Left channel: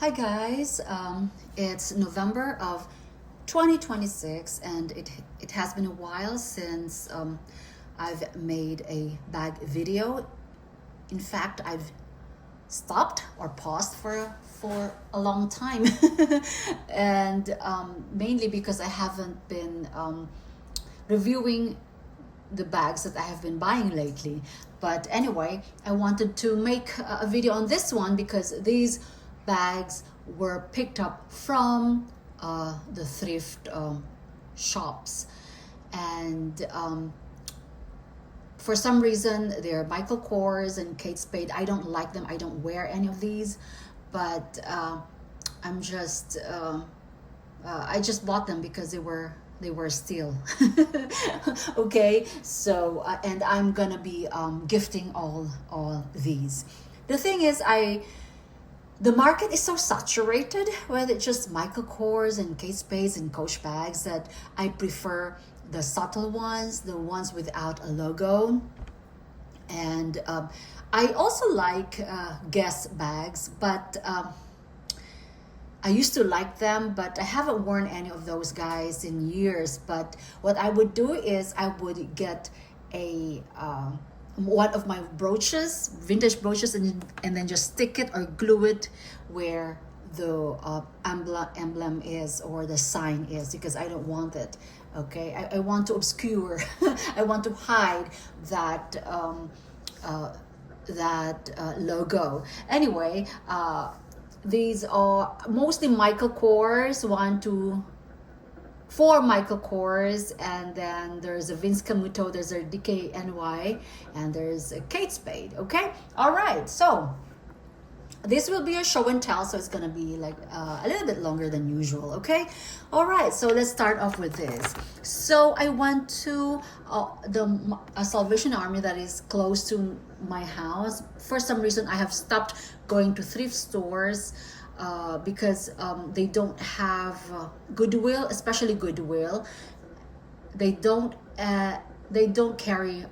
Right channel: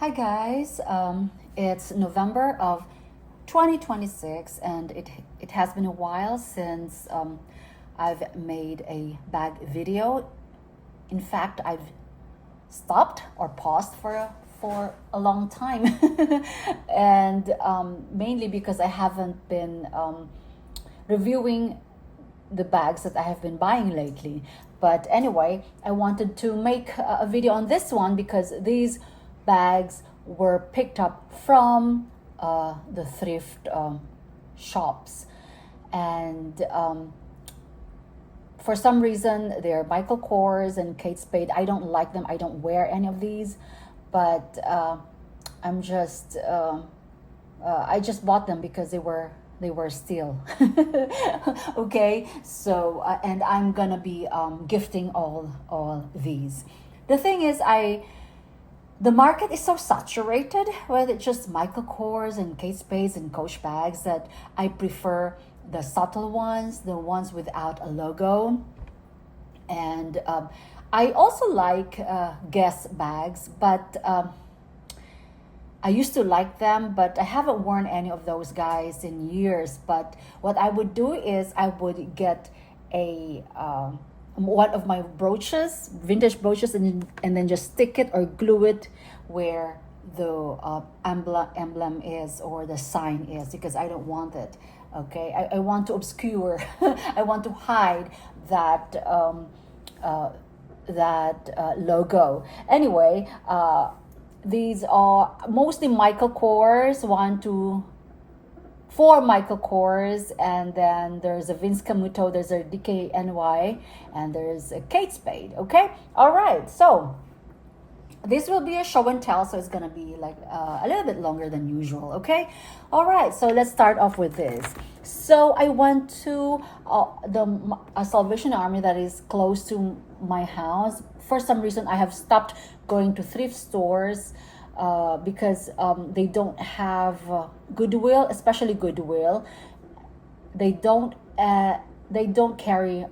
Hi guys, it's November of 2026 and it has been a while since I've made a bag video. In fact, I've stopped or paused for a long time and mainly because I haven't been reviewing the bags that I have been buying lately. But anyway, I wanted to make a video on this one because these bags were picked up from the thrift shops, and for some reason they're Michael Kors and Kate Spade. I don't like them. I don't wear any of these, but I'm just I just bought them because they were still okay. So and I'm gonna be gifting all these. The thing is, the market is so saturated with just Michael Kors and Kate Spades and Coach bags that I prefer the subtle ones, the ones without a logo. And I also like Guess bags, but I used to like them, but I haven't worn any of those guys in years. But what I would do is I would get a one of my brooches, vintage brooches, and then just stick it or glue it where the emblem is or the sign is, because I don't want it. Okay, I want to obscure, I want to hide that logo. Anyway, these are mostly Michael Kors, one, two, four Michael Kors, and then there's a Vince Camuto, there's a DKNY, and there's a Kate Spade. Okay, all right. So this will be a show and tell, so it's gonna be like a little bit longer than usual. Okay, all right. So let's start off with this. So I went to the Salvation Army that is close to my house. For some reason, I have stopped going to thrift stores because they don't have Goodwill, especially Goodwill. They don't carry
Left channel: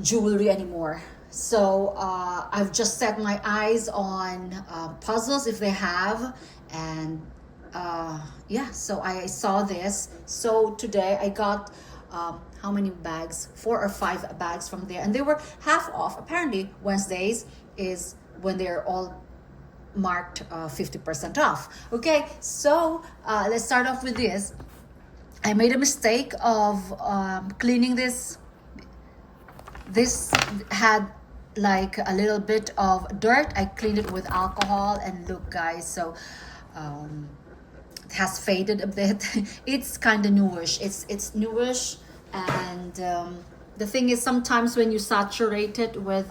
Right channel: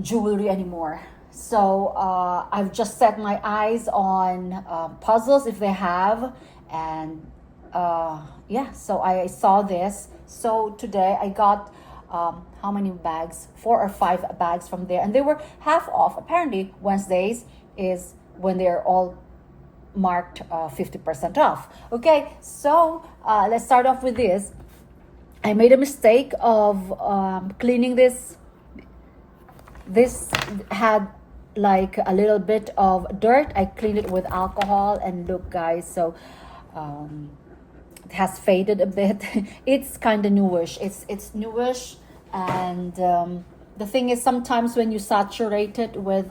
jewelry anymore. So I've just set my eyes on puzzles if they have, and yeah. So I saw this. So today I got how many bags? 4 or 5 bags from there, and they were half off. Apparently Wednesdays is when they're all marked 50% off. Okay, so let's start off with this. I made a mistake of cleaning this. This had like a little bit of dirt. I cleaned it with alcohol, and look guys, so it has faded a bit. It's kind of newish. It's newish, and the thing is, sometimes when you saturate it with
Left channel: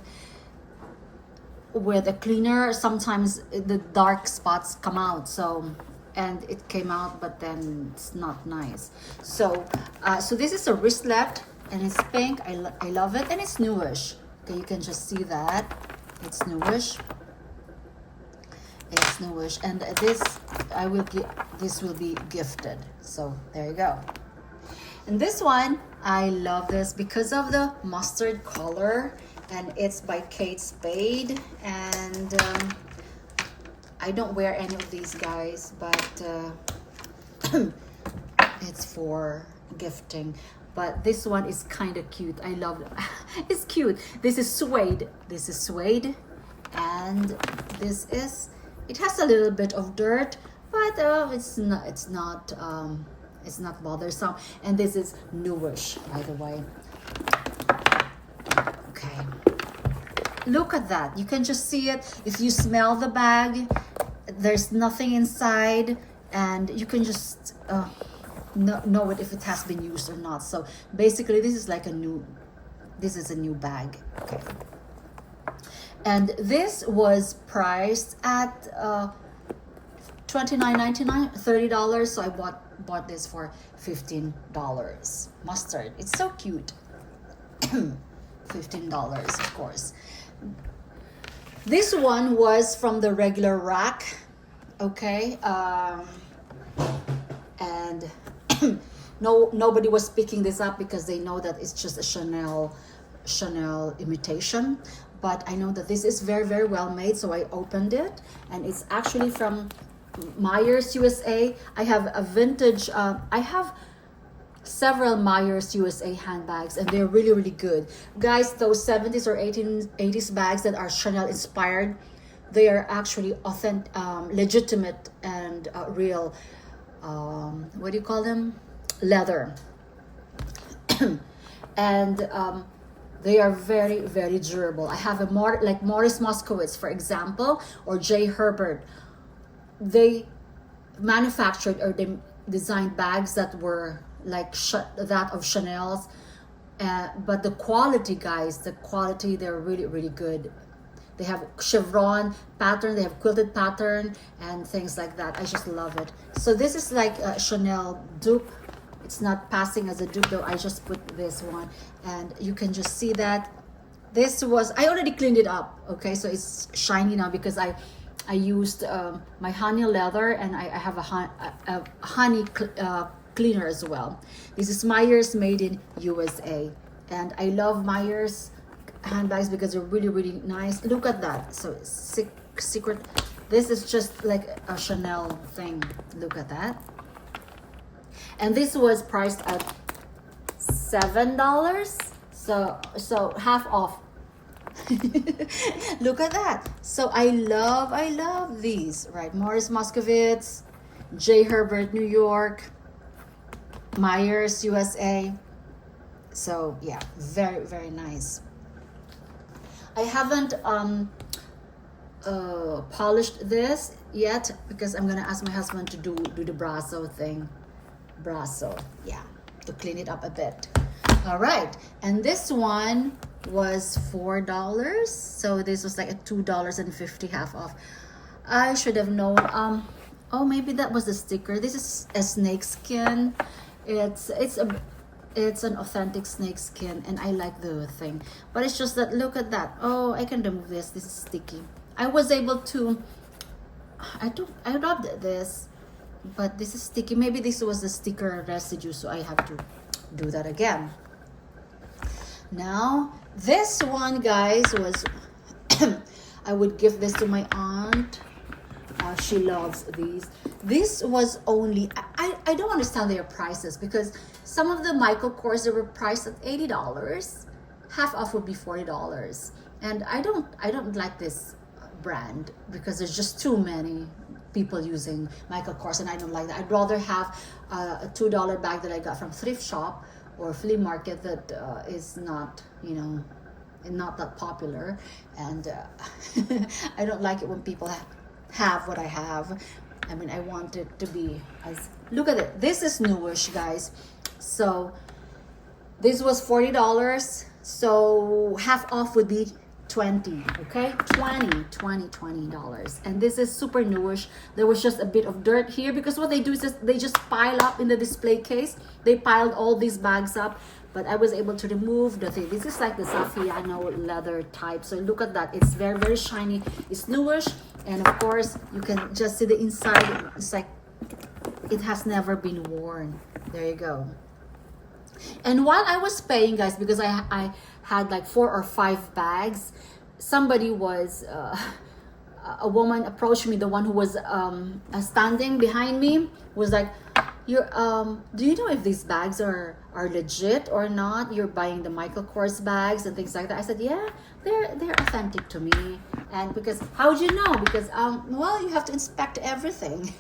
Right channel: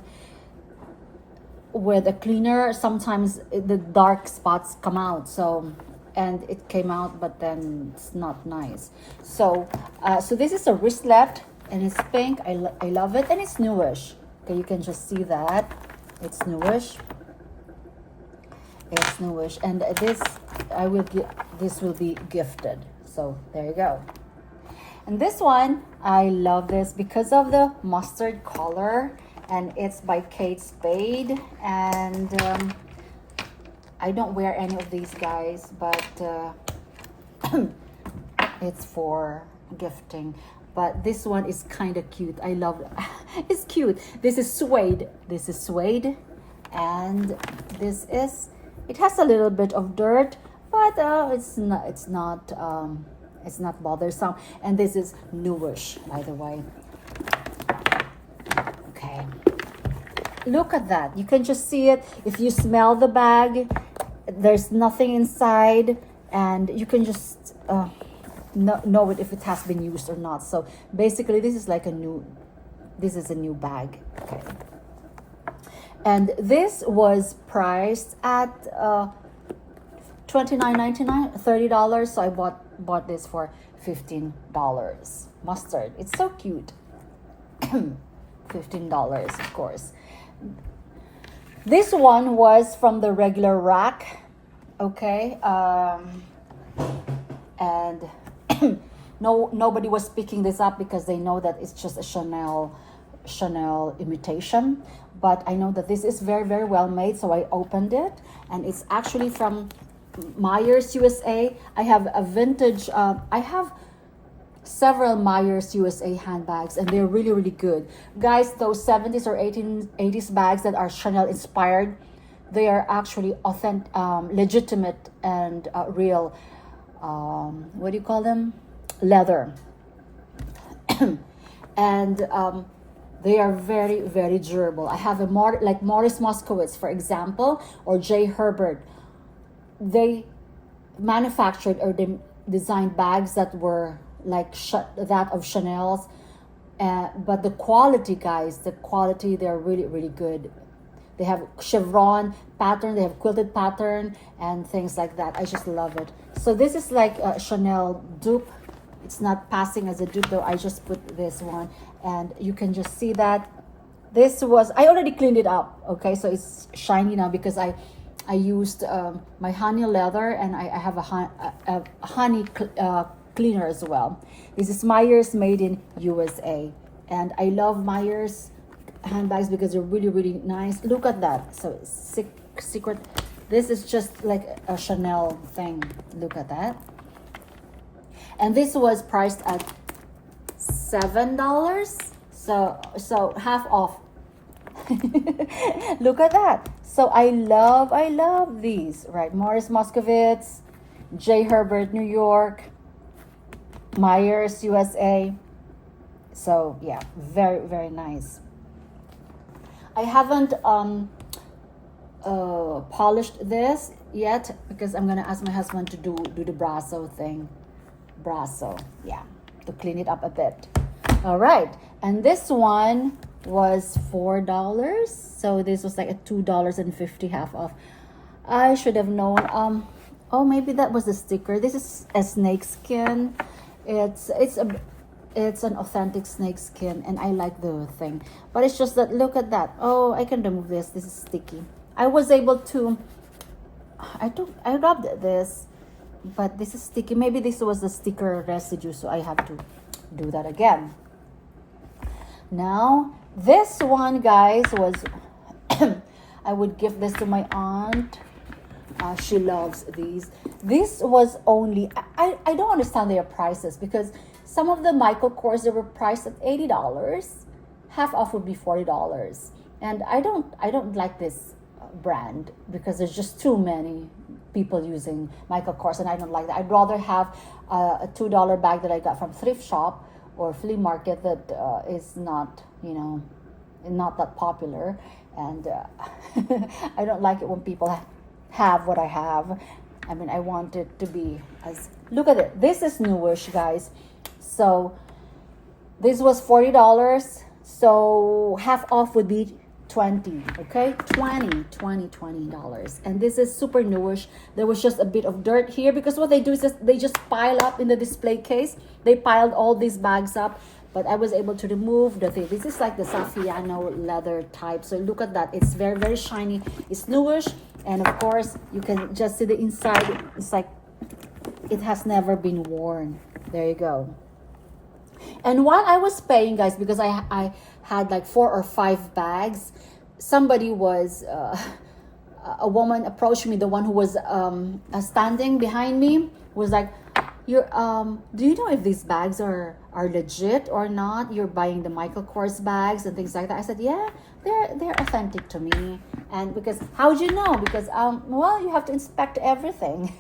a cleaner, sometimes the dark spots come out. So, and it came out, but then it's not nice. So so this is a wristlet, and it's pink. I love it, and it's newish. Okay, you can just see that it's newish. It's newish, and this will be gifted. So there you go. And this one, I love this because of the mustard color, and it's by Kate Spade. And I don't wear any of these guys, but it's for gifting. But this one is kind of cute. I love it. It's cute. This is suede. This is suede, and this is. It has a little bit of dirt, but it's not. It's not bothersome. And this is newish, by the way. Okay. Look at that. You can just see it. If you smell the bag, there's nothing inside, and you can just know it if it has been used or not. So basically, this is a new bag. Okay. And this was priced at $29.99, $30. So I bought this for $15. Mustard. It's so cute. $15, of course. This one was from the regular rack. Okay. And nobody was picking this up because they know that it's just a Chanel imitation. but I know that this is very, very well made, so I opened it, and it's actually from Myers USA. I have a vintage, I have several Myers USA handbags, and they're really, really good. Guys, those 70s or 80s bags that are Chanel inspired, they are actually authentic, legitimate, and real, what do you call them? Leather. And they are very, very durable. I have like Morris Moskowitz, for example, or J. Herbert. They manufactured, or they designed bags that were like that of Chanel's, but the quality, guys, the quality, they're really, really good. They have chevron pattern, they have quilted pattern, and things like that. I just love it. So this is like a Chanel dupe. It's not passing as a dupe though. I just put this one, and you can just see that this was, I already cleaned it up, okay? So it's shiny now because I used my honey leather, and I have a honey cleaner as well. This is Myers, made in USA, and I love Myers handbags because they're really, really nice. Look at that. So secret, this is just like a Chanel thing. Look at that. And this was priced at $7, so half off. Look at that. So I love these, right? Morris Moskowitz, J. Herbert, New York, Myers, USA. So yeah, very, very nice. I haven't polished this yet because I'm gonna ask my husband to do the brasso thing. Brasso, yeah, to clean it up a bit. All right, and this one was $4, so this was like a $2.50 half off. I should have known. Oh, maybe that was the sticker. This is a snake skin. It's an authentic snake skin, and I like the thing, but it's just that, look at that. Oh, I can remove this. This is sticky. I was able to, I rubbed this, but this is sticky. Maybe this was the sticker residue, so I have to do that again. Now this one, guys, was I would give this to my aunt. She loves these. This was only, I don't understand their prices, because some of the Michael Kors, they were priced at $80. Half off would be $40. And I don't like this brand because there's just too many people using Michael Kors, and I don't like that. I'd rather have a $2 bag that I got from thrift shop or flea market that is not, you know, not that popular. And I don't like it when people have what I have. I mean, I want it to be as, look at it. This is newish, guys. So this was $40. So half off would be 20, okay? $20. And this is super newish. There was just a bit of dirt here because what they do is they just pile up in the display case. They piled all these bags up, but I was able to remove the thing. This is like the Saffiano leather type. So look at that. It's very, very shiny. It's newish. And of course, you can just see the inside. It's like it has never been worn. There you go. And while I was paying, guys, because I had like 4 or 5 bags, somebody was, a woman approached me, the one who was standing behind me, was like, "You're, do you know if these bags are legit or not? You're buying the Michael Kors bags and things like that." I said, "Yeah, they're authentic to me." And because, how would you know? Because well, you have to inspect everything.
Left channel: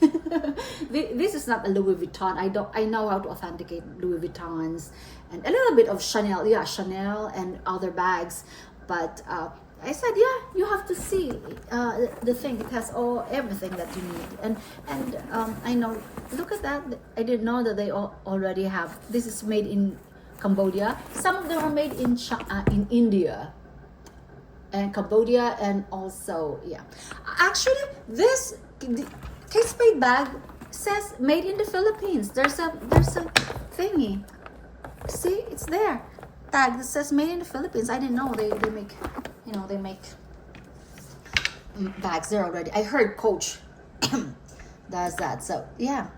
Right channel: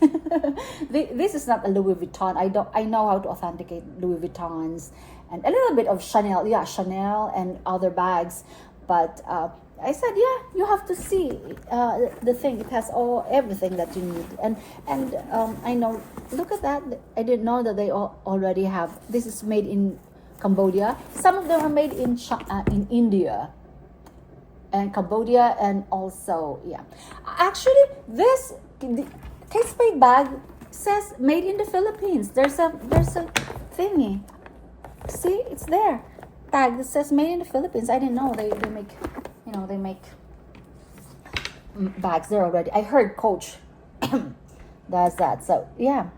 This is not a Louis Vuitton. I know how to authenticate Louis Vuittons and a little bit of Chanel. Yeah, Chanel and other bags. But I said, yeah, you have to see the thing. It has everything that you need. And I know. Look at that. I didn't know that they already have. This is made in Cambodia. Some of them are made in India and Cambodia, and also, yeah. Actually, this Kate Spade bag says made in the Philippines. There's a thingy. See, it's there. Tag that says made in the Philippines. I didn't know they make, you know, they make bags there already. I heard Coach does that. So yeah.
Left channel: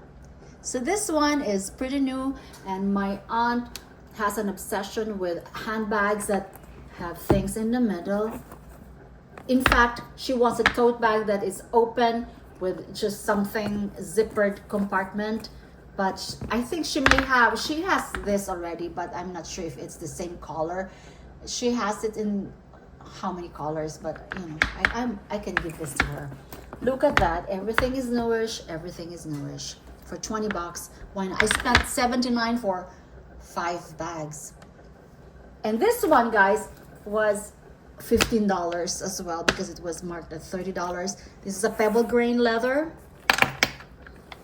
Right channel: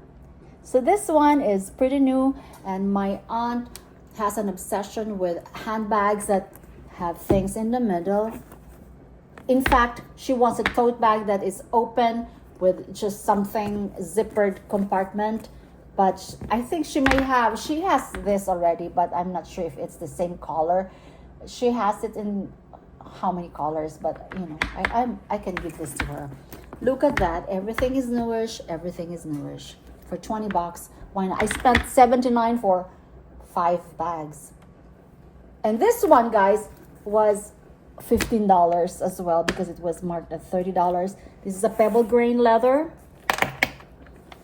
So this one is pretty new, and my aunt has an obsession with handbags that have things in the middle. In fact, she wants a tote bag that is open with just something zippered compartment. But I think she has this already, but I'm not sure if it's the same color. She has it in how many colors, but you know, I can give this to her. Look at that. Everything is newish. Everything is newish. For 20 bucks, why not? I spent 79 for 5 bags. And this one, guys, was $15 as well because it was marked at $30. This is a pebble grain leather.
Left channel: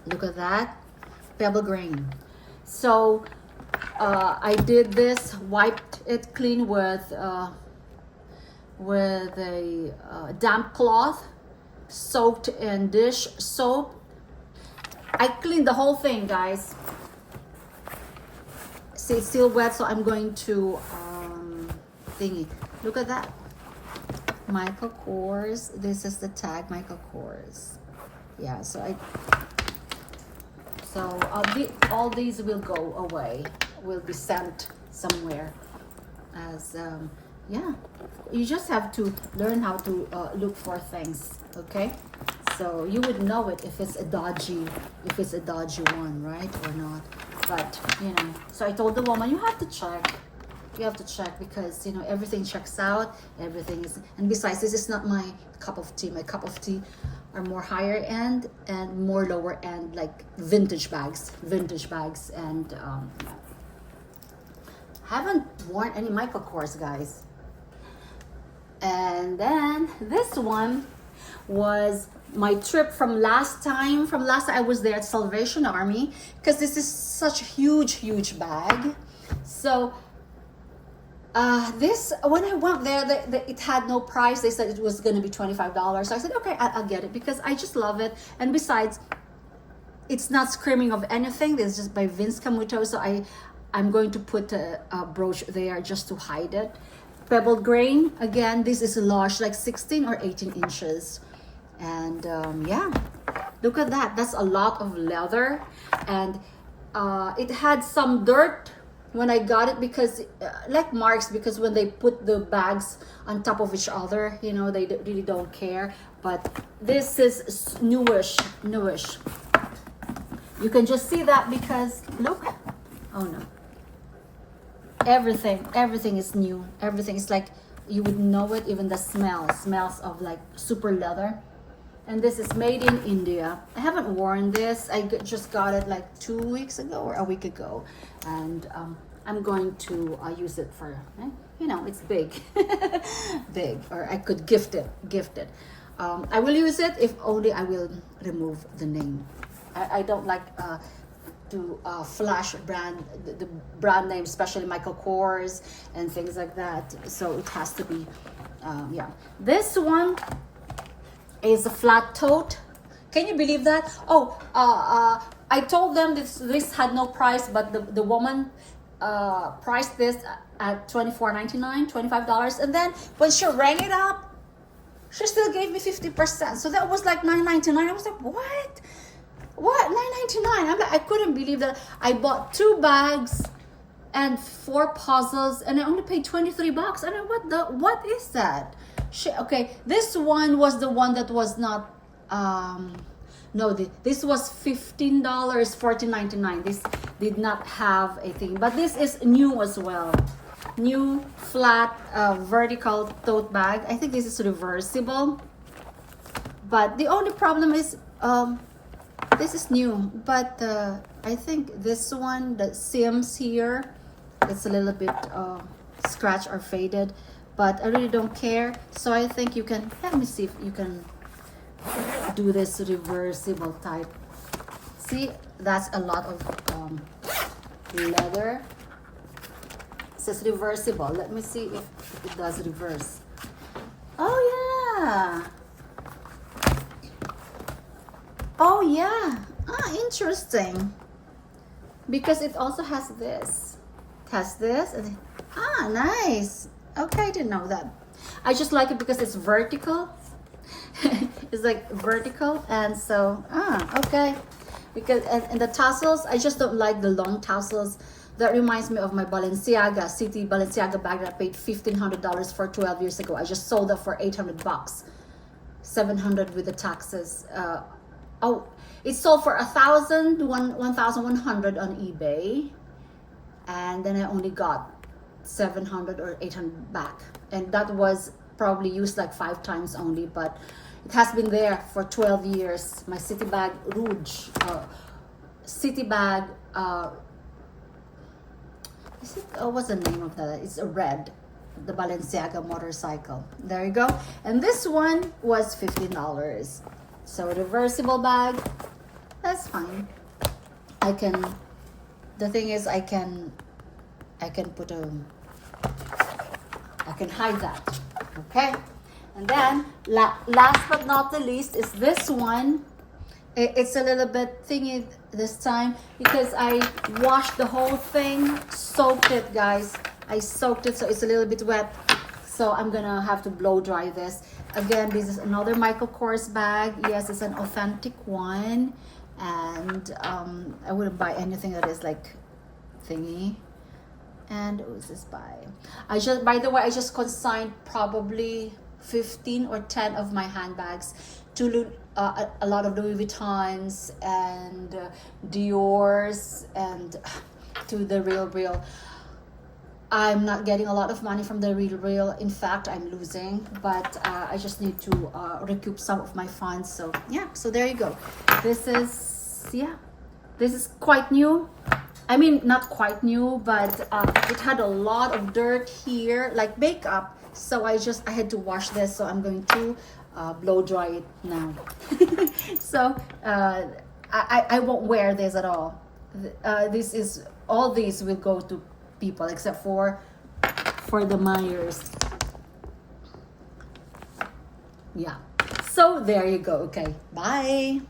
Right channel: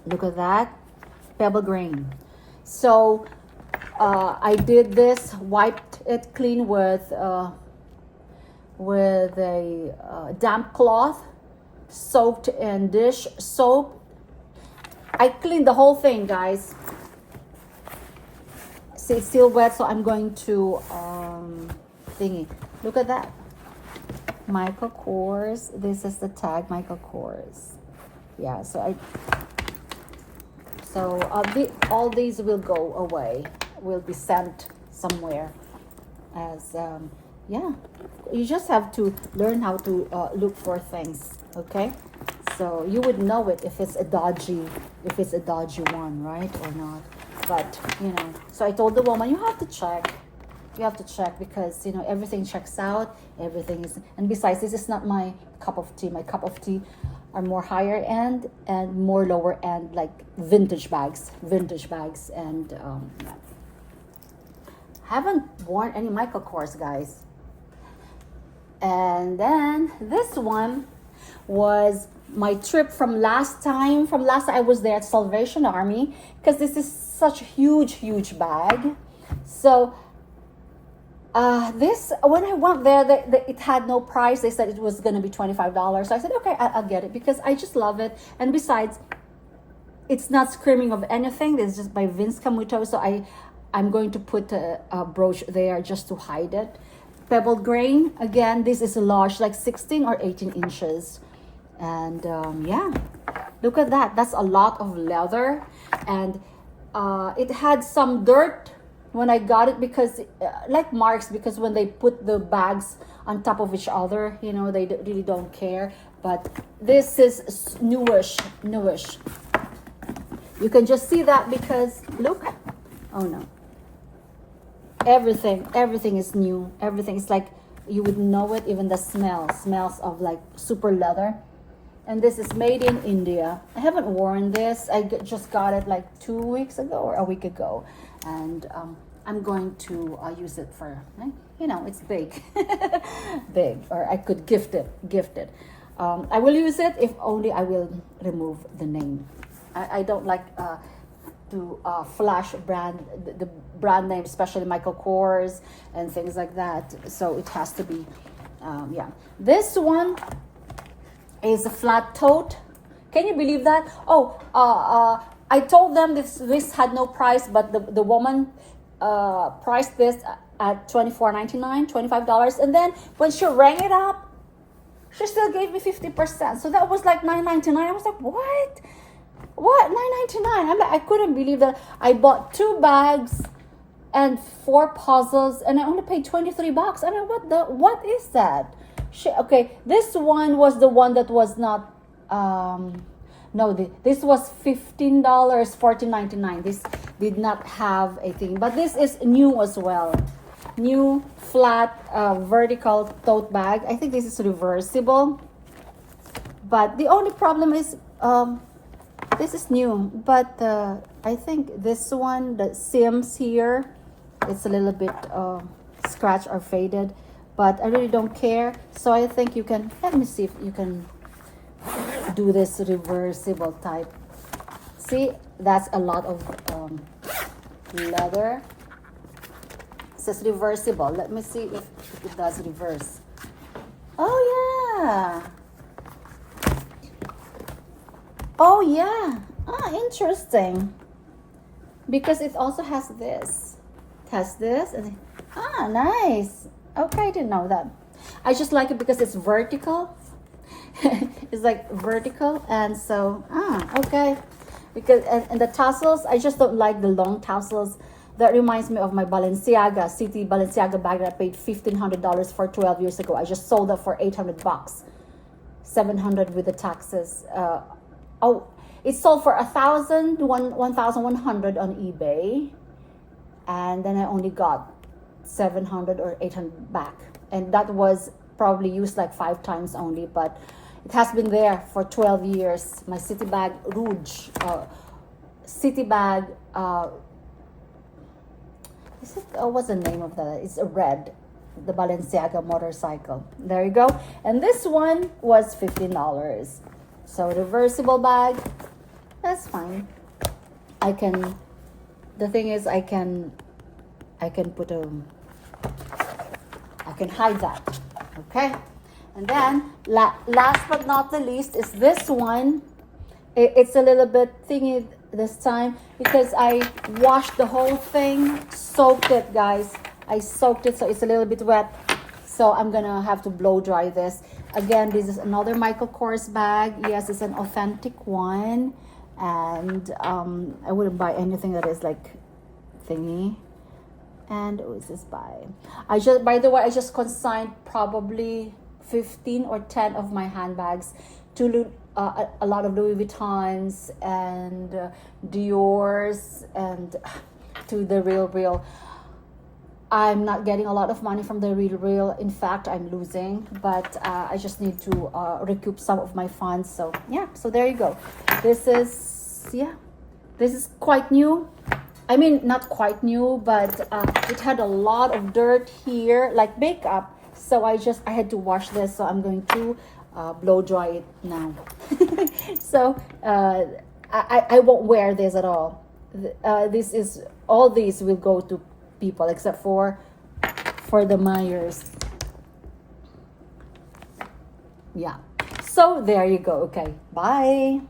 Look at that. Pebble grain. So I did this, wiped it clean with a damp cloth, soaked in dish soap. I cleaned the whole thing, guys. See, it's still wet, so I'm going to thingy. Look at that. Michael Kors. This is the tag, Michael Kors. Yeah, so all these will go away, will be sent somewhere as yeah, you just have to learn how to look for things, okay? So you would know it if it's a dodgy one, right, or not. But you know, so I told the woman, you have to check because you know everything checks out, everything is, and besides, this is not my cup of tea. My cup of tea are more higher end and more lower end, like vintage bags, and haven't worn any Michael Kors, guys. And then this one was my trip from last time. I was there at Salvation Army, because this is such a huge bag. So this, when I went there, it had no price. They said it was going to be $25. So I said, okay, I'll get it because I just love it. And besides, it's not screaming of anything. This is just by Vince Camuto. So I'm going to put a brooch there just to hide it. Pebble grain. Again, this is a large, like 16 or 18 inches. And yeah, look at that. That's a lot of leather. And it had some dirt when I got it, because like marks, because when they put the bags on top of each other, you know, they really don't care. But this is newish. You can just see that because look. Oh no, everything is new. Everything is like, you would know it. Even the smells of like super leather. And this is made in India. I haven't worn this. I just got it like 2 weeks ago or a week ago. And I'm going to use it for, you know, it's big. Big. Or I could gift it. I will use it if only I will remove the name. I don't like to flash the brand name, especially Michael Kors and things like that. So it has to be, yeah. This one is a flat tote. Can you believe that? Oh, I told them this had no price, but the woman priced this at $24.99, $25, and then when she rang it up, she still gave me 50%. So that was like $9.99. I was like, what? $9.99? I couldn't believe that. I bought 2 bags and 4 puzzles, and I only paid 23 bucks. I don't know what is that? Okay, this one was the one that was not, no, this was $15, $14.99. This did not have a thing, but this is new as well. New flat vertical tote bag. I think this is reversible, but the only problem is this is new, but I think this one, the seams here, it's a little bit scratched or faded. But I really don't care. So I think you can, let me see if you can do this reversible type. See, that's a lot of leather. It says reversible. Let me see if it does reverse. Oh yeah. Oh yeah. Ah, interesting. Because it also has this. It has this. And, ah, nice. Okay, I didn't know that. I just like it because it's vertical. It's like vertical, and so okay. Because and the tassels, I just don't like the long tassels. That reminds me of my Balenciaga, City Balenciaga bag that I paid $1,500 for 12 years ago. I just sold it for 800 bucks, 700 with the taxes. Oh, it sold for 1,100 on eBay, and then I only got 700 or 800 back, and that was probably used like 5 times only, but it has been there for 12 years. My City bag Rouge, City bag. What's the name of that? It's a red, the Balenciaga motorcycle. There you go. And this one was $15. So reversible bag, that's fine. The thing is, I can put I can hide that. Okay. And then last but not the least is this one. It's a little bit thingy this time because I washed the whole thing, soaked it, guys. I soaked it, so it's a little bit wet. So I'm gonna have to blow dry this. Again, this is another Michael Kors bag. Yes, it's an authentic one. And I wouldn't buy anything that is like thingy. And what is this by? By the way, I just consigned probably 15 or 10 of my handbags to a lot of Louis Vuittons and Dior's and to the Real. I'm not getting a lot of money from the Real. In fact, I'm losing, but I just need to recoup some of my funds. So yeah, so there you go. This is quite new. I mean, not quite new, but it had a lot of dirt here, like makeup. So I had to wash this. So I'm going to blow dry it now. So I won't wear this at all. All these will go to people except for the Myers. Yeah. So there you go. Okay. Bye.